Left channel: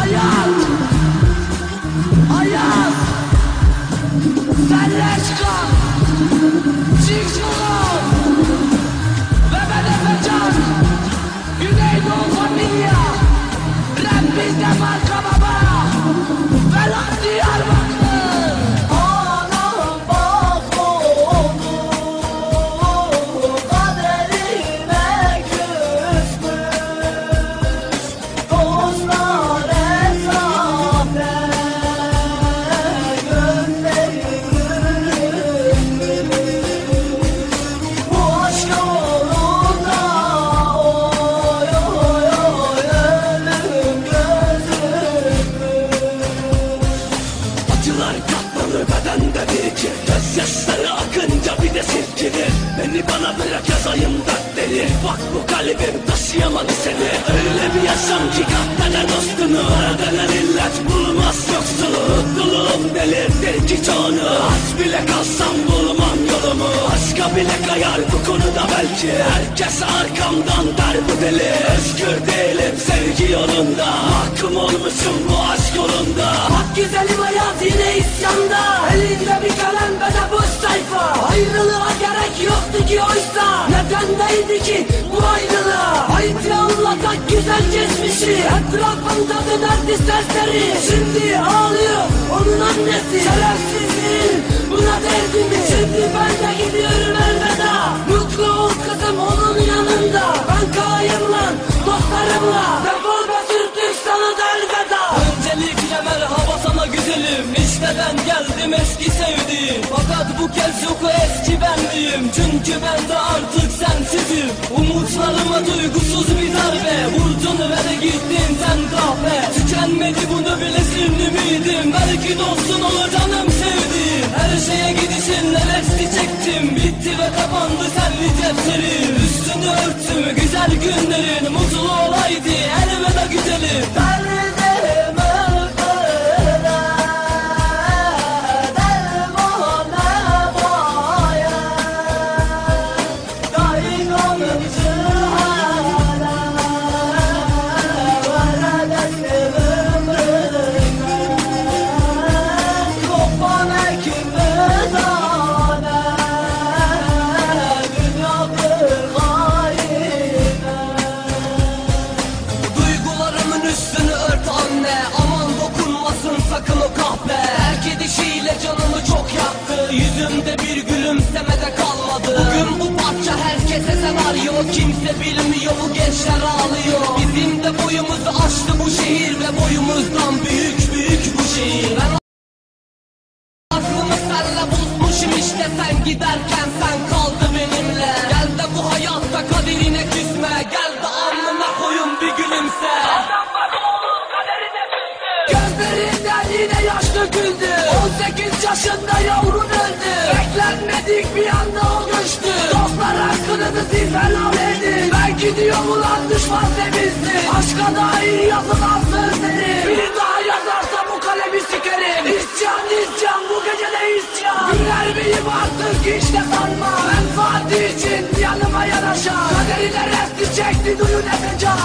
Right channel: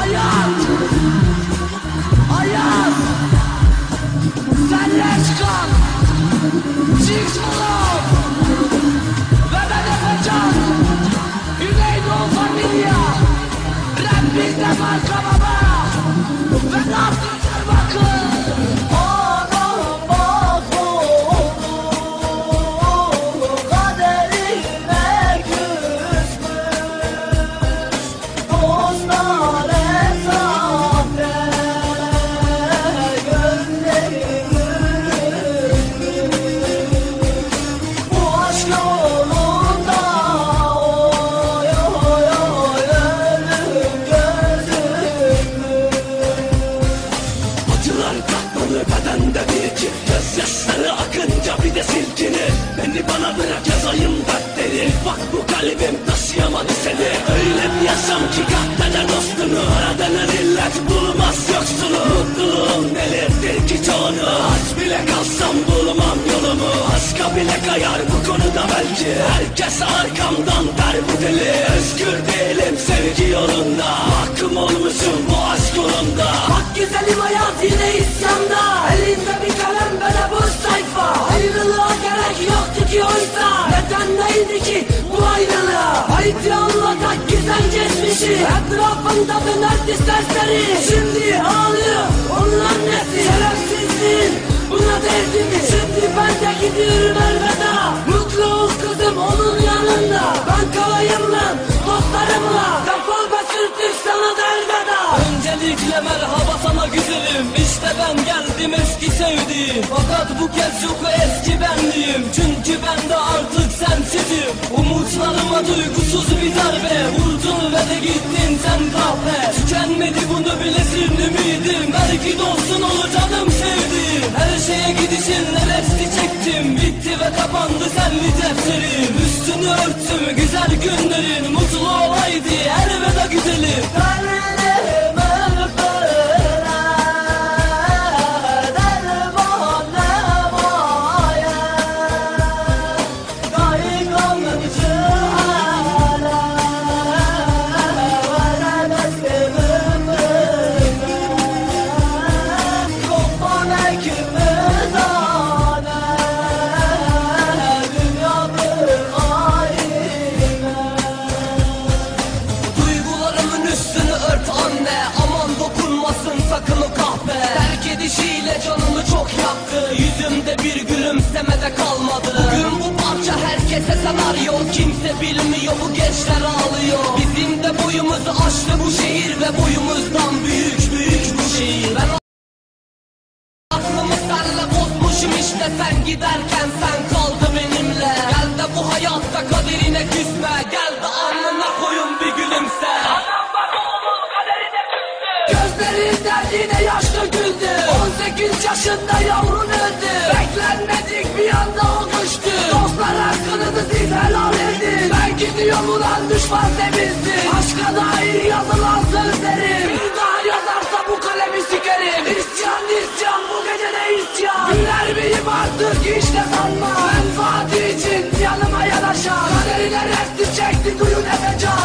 Hayat! Hayat! Sen leş kal! Çık! Yazayım dertleri Bak bu kalbim taşıyamadı seni. Öyle bir yaşam ki kahvede dostunu Aradan illet bulmaz yoksunu Mutluluğum delirtir ki çoğunu. Aç bile kalsam bulmam yolumu. Aşka bile kayar bu konuda belki. Herkes arkamdan der bu deli. Özgür değilim sevgi yolunda Etrafında dönerdi serseri. Şimdi ağlıyor onun annesi. Şerefsizliğin buna değdi mi Şimdi ben de gidiyorum elveda. Mutlu ol kızım onun yanında. Ben kalayım lan dostlarımla. Defol be sürtük sana da elveda. Öncelikle merhaba sana güzelim. İşte ben geldim eski sevdiğim. Fakat bu kez yok o eski benliğim. Çünkü ben de artık sensizim. Umutlarıma duygusuz bir Örttüm güzel günlerin Mutlu Kimse bilmiyor bu gençler ağlıyor. Bizim de boyumuzu aştı bu şehir Ve boyumuzdan büyük büyük bu şehir. Ben Aklımı senle bozmuşum işte sen giderken sen kaldı benimle. Gel de bu hayatta kaderine küsme Gel de alnına koyun bir gülümse. Gözlerinden yine yaş döküldü 18 yaşında yavrun öldü. Beklenmedik bir anda o düştü. Dostlar hakkınızı siz helal Okuyor mu lan düşman temizli Aşka dair yazılan sözleri. Biri daha yazarsa bu kalemi sikerim. İsyan isyan bu gece de isyan. Güler miyim artık? Hiç de sanma Ben Fatih için yanıma yanaşan. Kaderine resti çekti duyun efecan